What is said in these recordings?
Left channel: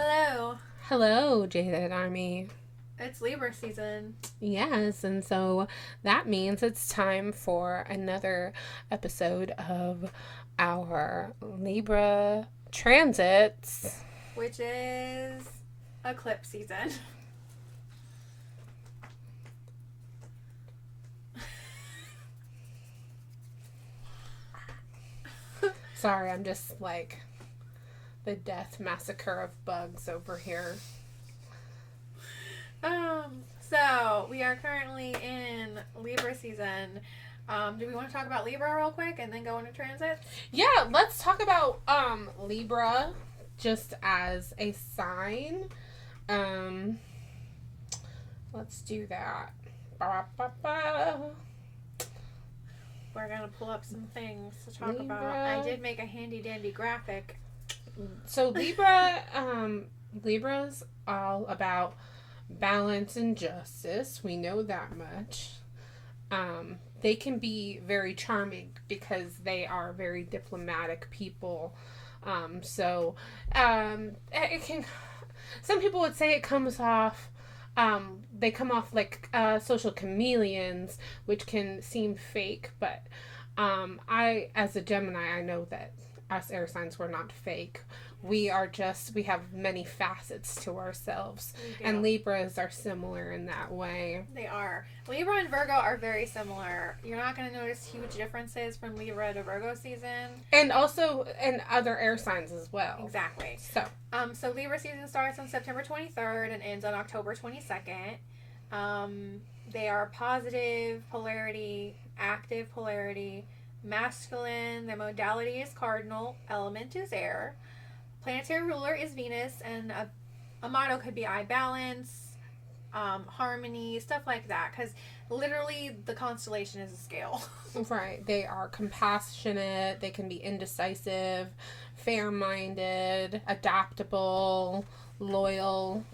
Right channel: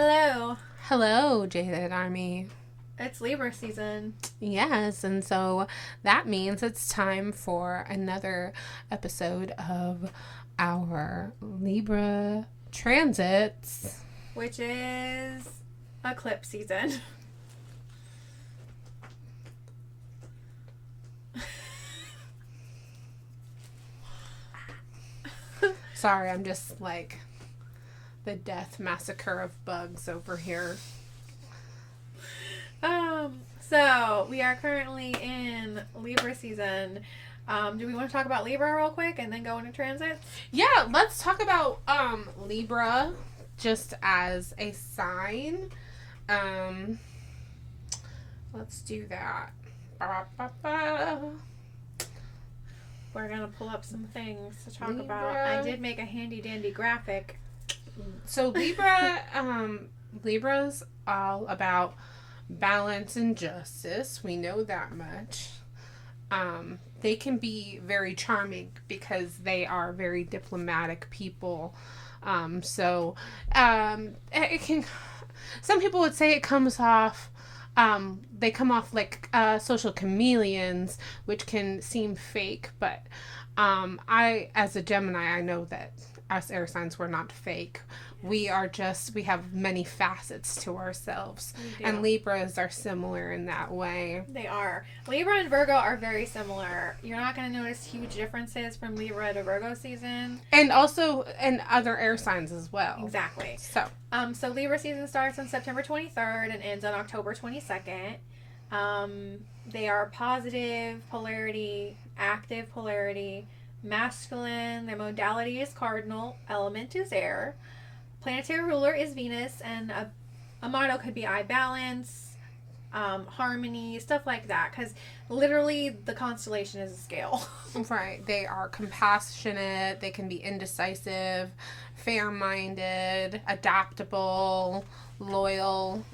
Hello, Hello, Jaded Army. it's Libra season. Yes, and so that means it's time for another episode of our Libra transits. Which is eclipse season. Sorry, I'm just like the death massacre of bugs over here. So we are currently in Libra season. Do we want to talk about Libra real quick and then go into transit? Yeah, let's talk about Libra just as a sign. Um let's do that. Ba-ba-ba-ba. We're gonna pull up some things to talk Libra. about. I did make a handy dandy graphic. So Libra's all about balance and justice. We know that much. They can be very charming because they are very diplomatic people. It can. Some people would say it comes off. They come off like social chameleons, which can seem fake. But I, as a Gemini, I know that us air signs, we're not fake. We have many facets to ourselves. And Libras are similar in that way. They are. Libra and Virgo are very similar. You're not going to notice huge differences from Libra to Virgo season. And also in other air signs as well. Exactly. So Libra season starts on September 23rd and ends on October 22nd. They are positive polarity, active polarity, masculine. Their modality is cardinal. Element is air. Planetary ruler is Venus, and a motto could be I balance, harmony, stuff like that. Because literally, the constellation is a scale. Right. They are compassionate. They can be indecisive, fair-minded, adaptable, loyal.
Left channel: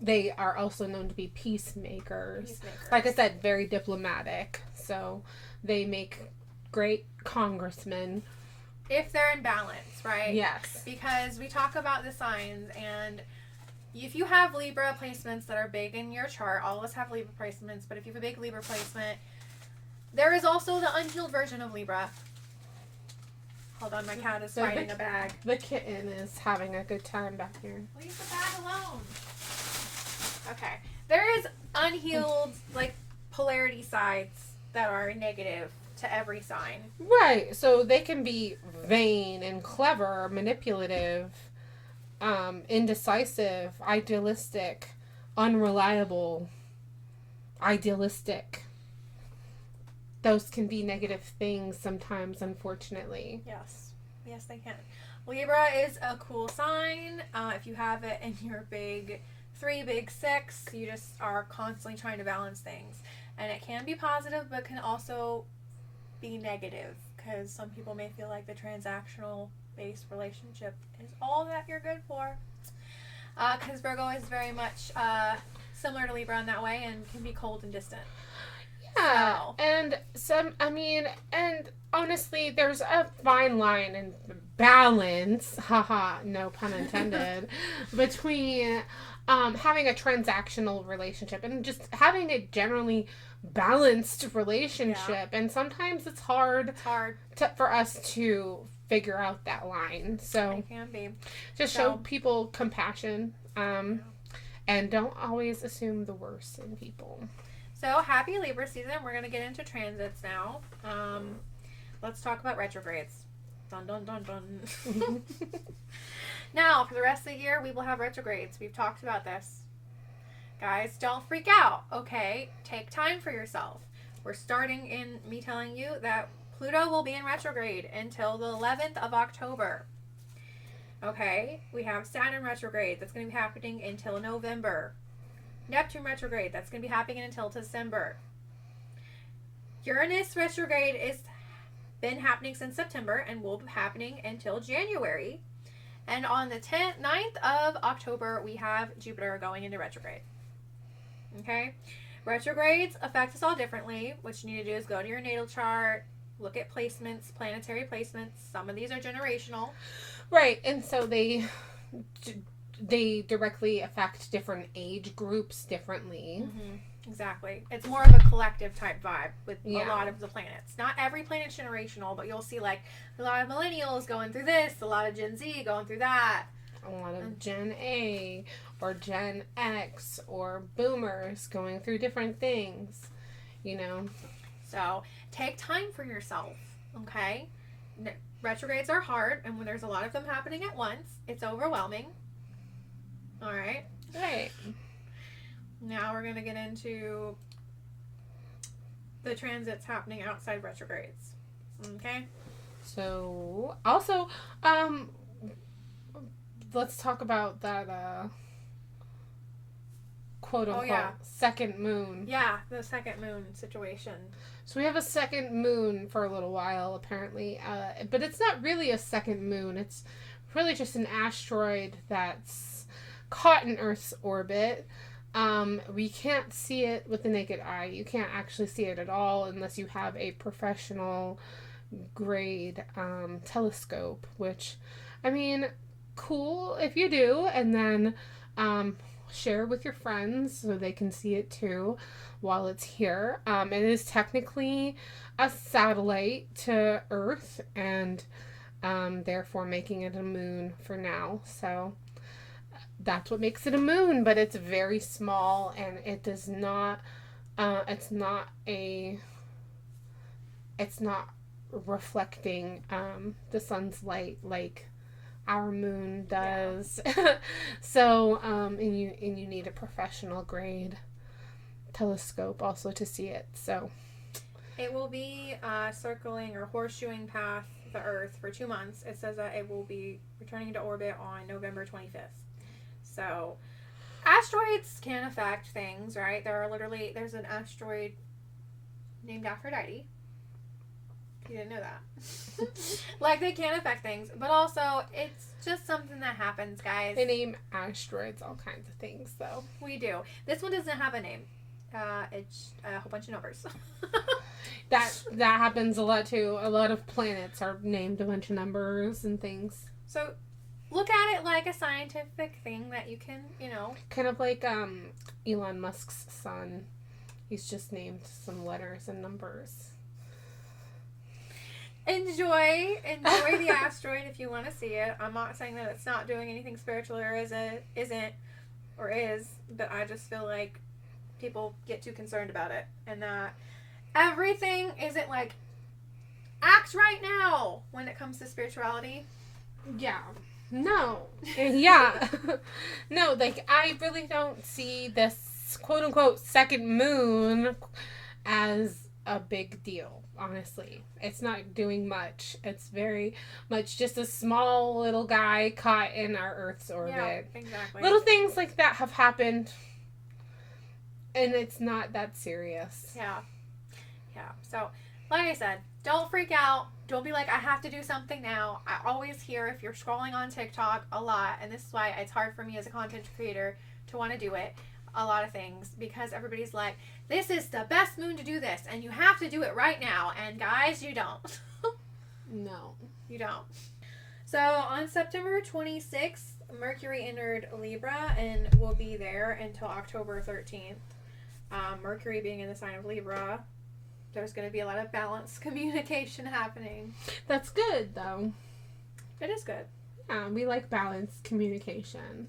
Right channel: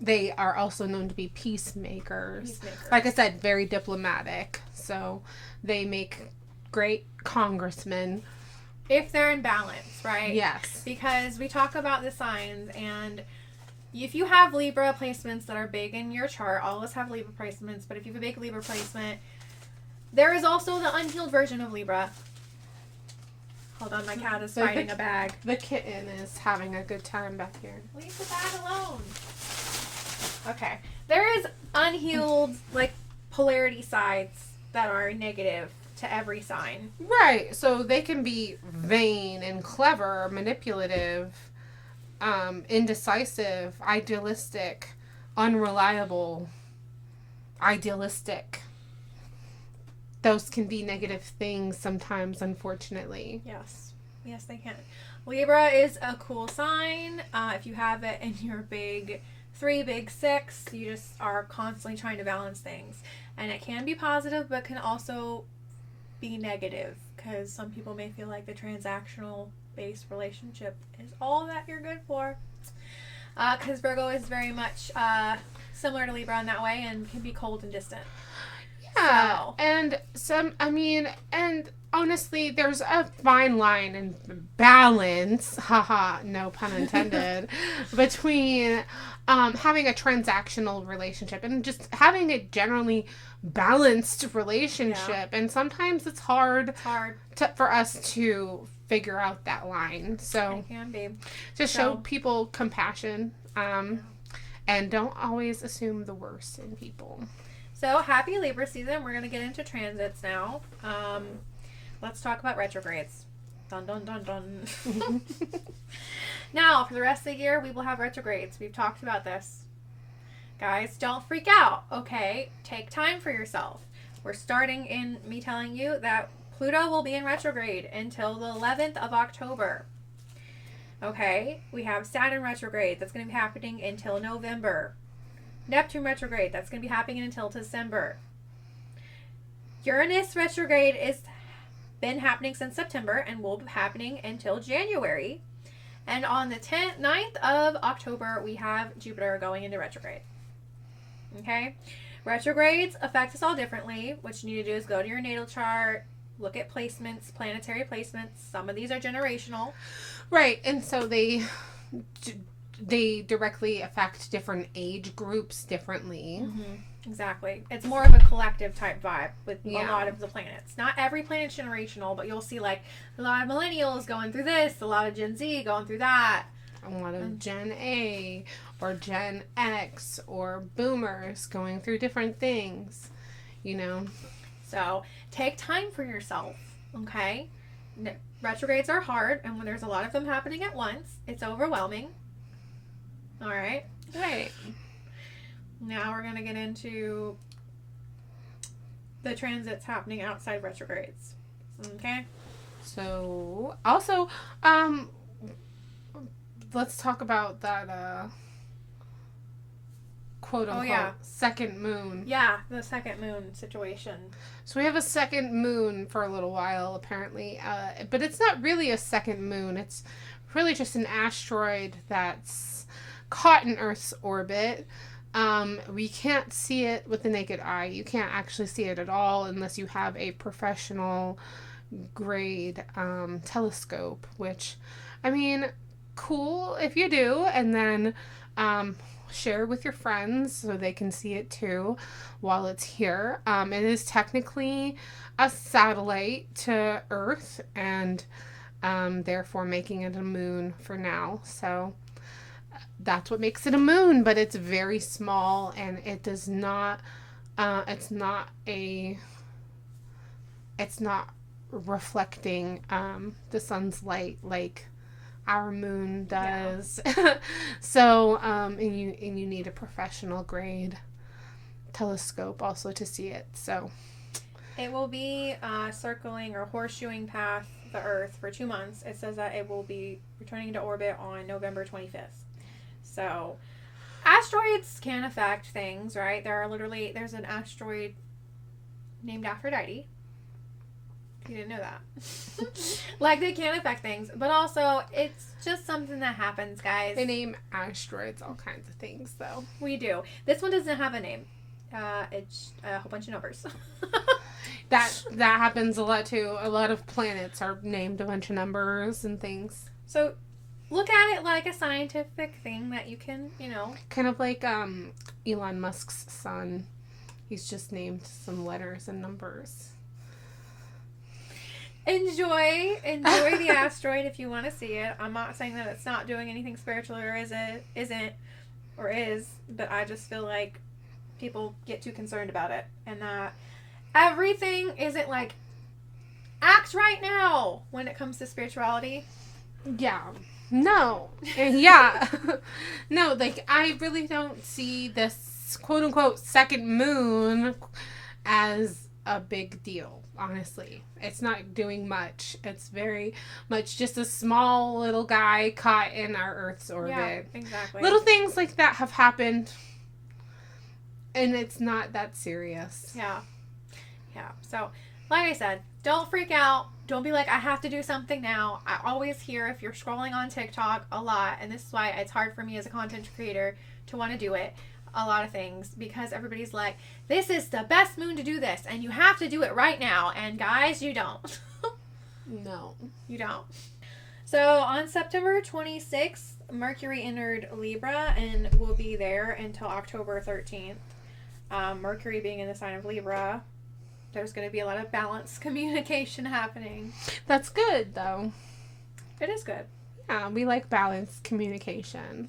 They are also known to be peacemakers. Like I said, very diplomatic. So they make great congressmen. If they're in balance, right? Yes. Because we talk about the signs, and if you have Libra placements that are big in your chart, all of us have Libra placements, but if you have a big Libra placement, there is also the unhealed version of Libra. Hold on, my cat is fighting a bag. The kitten is having a good time back here. Leave the bag alone. Okay. There is unhealed, like, polarity sides that are negative to every sign. Right. So they can be vain and clever, manipulative, indecisive, idealistic, unreliable, idealistic. Those can be negative things sometimes, unfortunately. Yes. Yes, they can. Libra is a cool sign. If you have it in your big 3, big 6, you just are constantly trying to balance things. And it can be positive, but can also be negative, because some people may feel like the transactional based relationship is all that you're good for. Because Virgo is very much similar to Libra in that way and can be cold and distant. Yeah, So. and honestly, there's a fine line and balance, haha, no pun intended, between having a transactional relationship and just having a generally balanced relationship. Yeah. And sometimes it's hard for us to figure out that line. So it can be. Just show people compassion, and don't always assume the worst in people. So, happy Libra season. We're going to get into transits now. Let's talk about retrogrades. Dun, dun, dun, dun. Now, for the rest of the year, we will have retrogrades. We've talked about this. Guys, don't freak out, okay? Take time for yourself. We're starting in me telling you that Pluto will be in retrograde until the 11th of October. Okay? We have Saturn retrograde. That's going to be happening until November. Neptune retrograde, that's going to be happening until December. Uranus retrograde has been happening since September and will be happening until January. And on the 9th of October, we have Jupiter going into retrograde. Okay? Retrogrades affect us all differently. What you need to do is go to your natal chart, look at placements, planetary placements. Some of these are generational. Right, and so they directly affect different age groups differently. Exactly. It's more of a collective type vibe with a lot of the planets. Not every planet's generational, but you'll see like a lot of millennials going through this, a lot of Gen Z going through that. A lot of Gen A or Gen X or boomers going through different things, you know. So take time for yourself, okay? Retrogrades are hard, and when there's a lot of them happening at once, it's overwhelming. All right? Right. Now we're going to get into the transits happening outside retrogrades. Okay? So, also, let's talk about that, quote-unquote, second moon. Yeah, the second moon situation. So we have a second moon for a little while, apparently. But it's not really a second moon. It's really just an asteroid that's caught in Earth's orbit. We can't see it with the naked eye. You can't actually see it at all unless you have a professional grade telescope, which, I mean, cool if you do, and then share with your friends so they can see it too while it's here. It is technically a satellite to Earth, and therefore making it a moon for now. So that's what makes it a moon, but it's very small, and it does not it's not reflecting the sun's light like our moon does. So and you need a professional grade telescope also to see it. So it will be circling or horseshoeing past the Earth for 2 months. It says that it will be returning into orbit on November 25th. So asteroids can affect things, right? There's an asteroid named Aphrodite. You didn't know that. Like, they can affect things, but also it's just something that happens, guys. They name asteroids all kinds of things, though. We do. This one doesn't have a name. It's a whole bunch of numbers. That happens a lot too. A lot of planets are named a bunch of numbers and things. So look at it like a scientific thing that you can, kind of like Elon Musk's son. He's just named some letters and numbers. Enjoy the asteroid if you want to see it. I'm not saying that it's not doing anything spiritual or isn't, but I just feel like people get too concerned about it, and that everything isn't like act right now when it comes to spirituality. Yeah. No. Yeah. No, like, I really don't see this quote unquote second moon as a big deal, honestly. It's not doing much. It's very much just a small little guy caught in our Earth's orbit. Yeah, exactly. Little things like that have happened, and it's not that serious. Yeah. So, like I said, don't freak out. Don't be like, I have to do something now. I always hear, if you're scrolling on TikTok a lot, and this is why it's hard for me as a content creator to want to do it, a lot of things, because everybody's like, this is the best moon to do this, and you have to do it right now. And guys, you don't. No. You don't. So on September 26th, Mercury entered Libra and will be there until October 13th. Mercury being in the sign of Libra, there's going to be a lot of balanced communication happening. That's good, though. It is good. Yeah, we like balanced communication.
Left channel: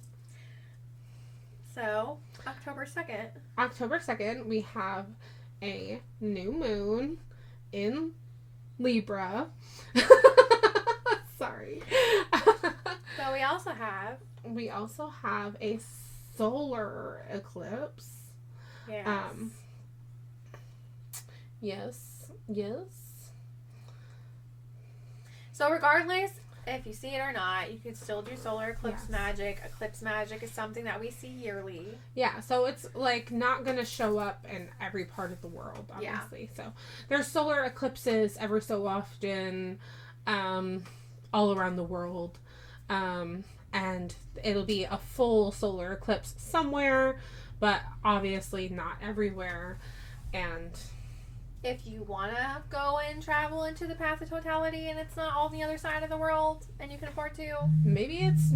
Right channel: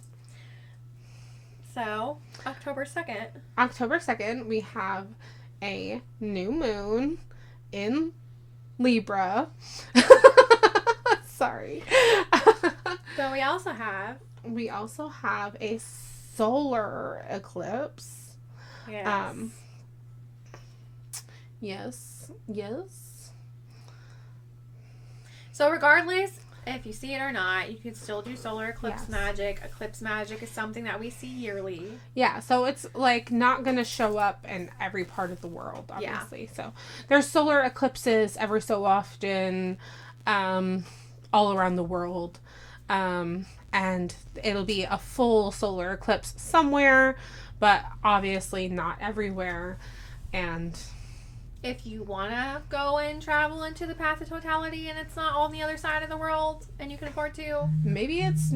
So, October 2nd. October 2nd, we have a new moon in Libra. Sorry. So, we also have a solar eclipse. Yes. Yes. So, regardless if you see it or not, you can still do solar eclipse magic. Eclipse magic is something that we see yearly. Yeah, so it's like not going to show up in every part of the world, obviously. Yeah. So there's solar eclipses every so often all around the world. And it'll be a full solar eclipse somewhere, but obviously not everywhere. And if you want to go and travel into the path of totality and it's not on the other side of the world and you can afford to. Maybe it's,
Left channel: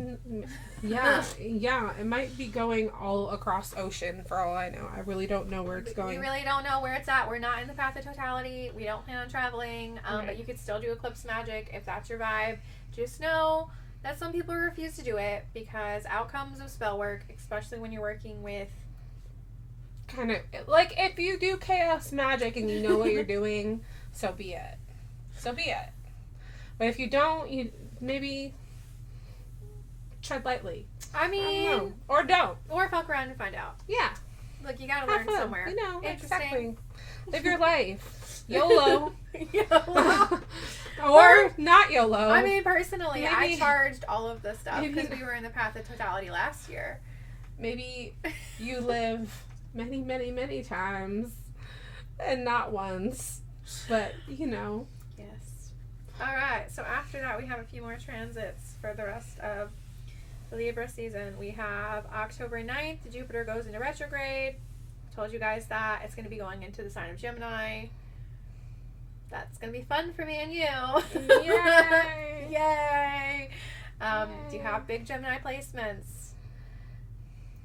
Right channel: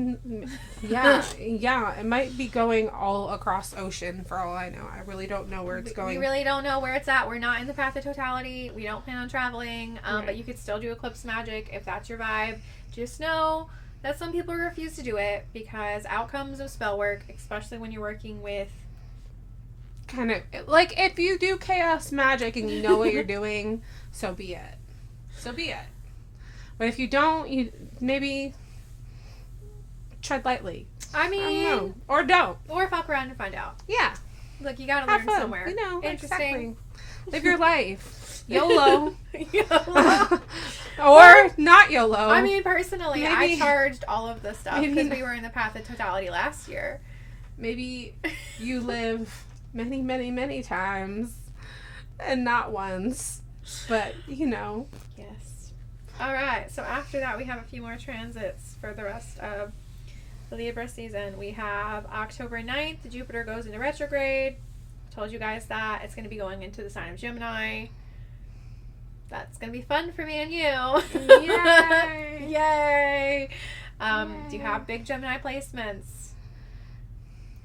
yeah, it might be going all across ocean for all I know. I really don't know where it's going. We really don't know where it's at. We're not in the path of totality. We don't plan on traveling, but you could still do eclipse magic if that's your vibe. Just know that some people refuse to do it because outcomes of spell work, especially when you're working with kind of like if you do chaos magic and you know what you're doing, so be it. But if you don't, you maybe tread lightly. I mean, or don't, or fuck around and find out. Yeah, look, you gotta have learn fun. somewhere. You know, interesting. Exactly. Live your life. YOLO. YOLO. or not YOLO. I mean, personally, maybe, I charged all of this stuff because we were in the path of totality last year. Maybe you live many, many, many times and not once, but you know. Yes. All right, so after that we have a few more transits for the rest of the Libra season. We have October 9th, Jupiter goes into retrograde. Told you guys that. It's going to be going into the sign of Gemini. That's going to be fun for me and you. Yay! Yay! Do you have big Gemini placements?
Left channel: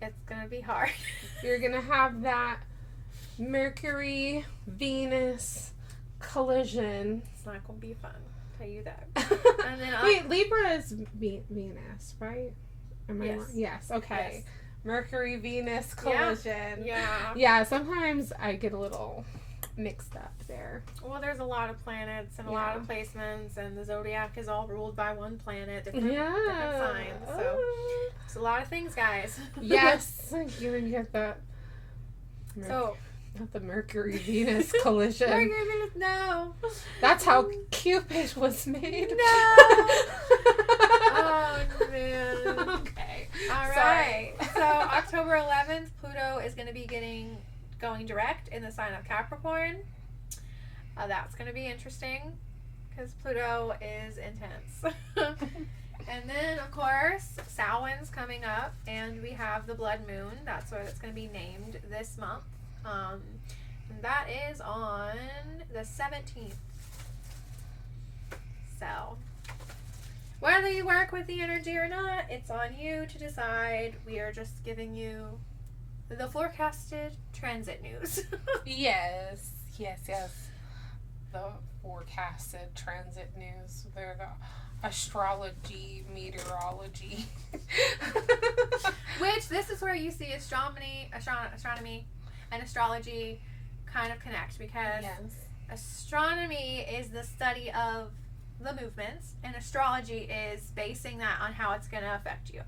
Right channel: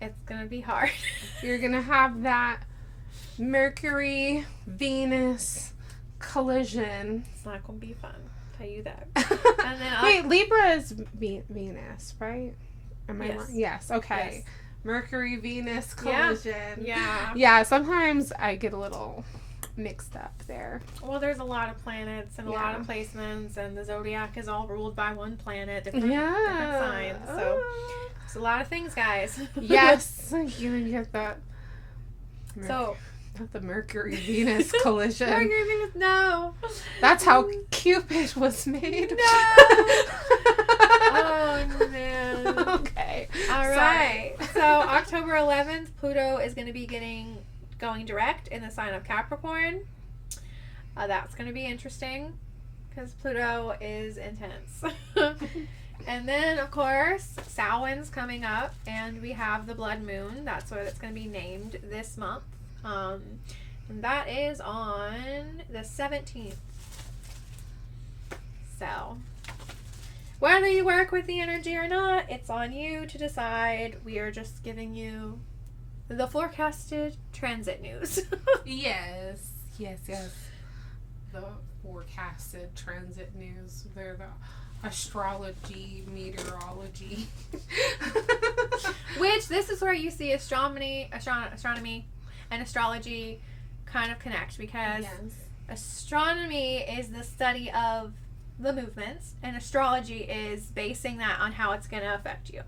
It's going to be hard. You're going to have that Mercury, Venus collision. It's not going to be fun. I'll tell you that. And then wait, Libra is Venus, right? Am I wrong? Yes. Okay. Yes. Mercury, Venus collision. Yeah. Yeah, sometimes I get a little mixed up there. Well, there's a lot of planets and a lot of placements, and the zodiac is all ruled by one planet, different signs. So it's a lot of things, guys. Yes, you get that. So the Mercury Venus collision. Mercury Venus, no. That's how Cupid was made. No. Oh man. Okay. All right. So October 11th, Pluto is going to be going direct in the sign of Capricorn. That's going to be interesting because Pluto is intense. And then, of course, Samhain's coming up, and we have the Blood Moon. That's what it's going to be named this month. And that is on the 17th. So, whether you work with the energy or not, it's on you to decide. We are just giving you the forecasted transit news. Yes. The forecasted transit news. They're the astrology, meteorology. Which, this is where you see astronomy and astrology kind of connect, because astronomy is the study of the movements, and astrology is basing that on how it's going to affect you.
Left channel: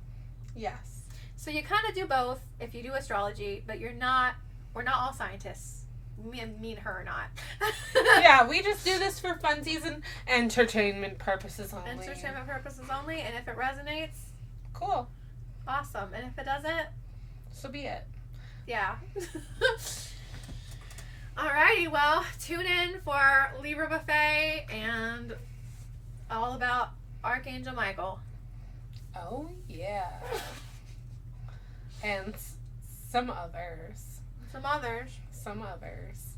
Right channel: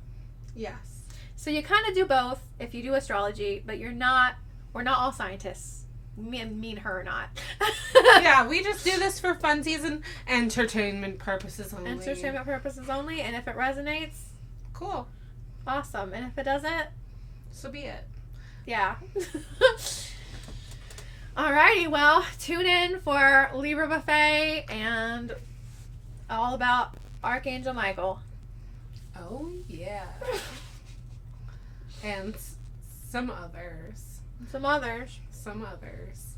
Yes. So you kind of do both if you do astrology, but we're not all scientists. Me and her are not. Yeah, we just do this for funsies and entertainment purposes only. Entertainment purposes only, and if it resonates, cool. Awesome. And if it doesn't, so be it. Yeah. Alrighty, well, tune in for Libra Buffet and all about Archangel Michael. Oh, yeah. And some others.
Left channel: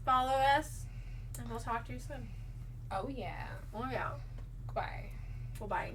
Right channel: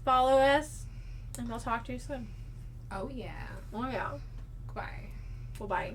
Follow us, and we'll talk to you soon. Oh, yeah. Oh, yeah. Bye. Well, bye.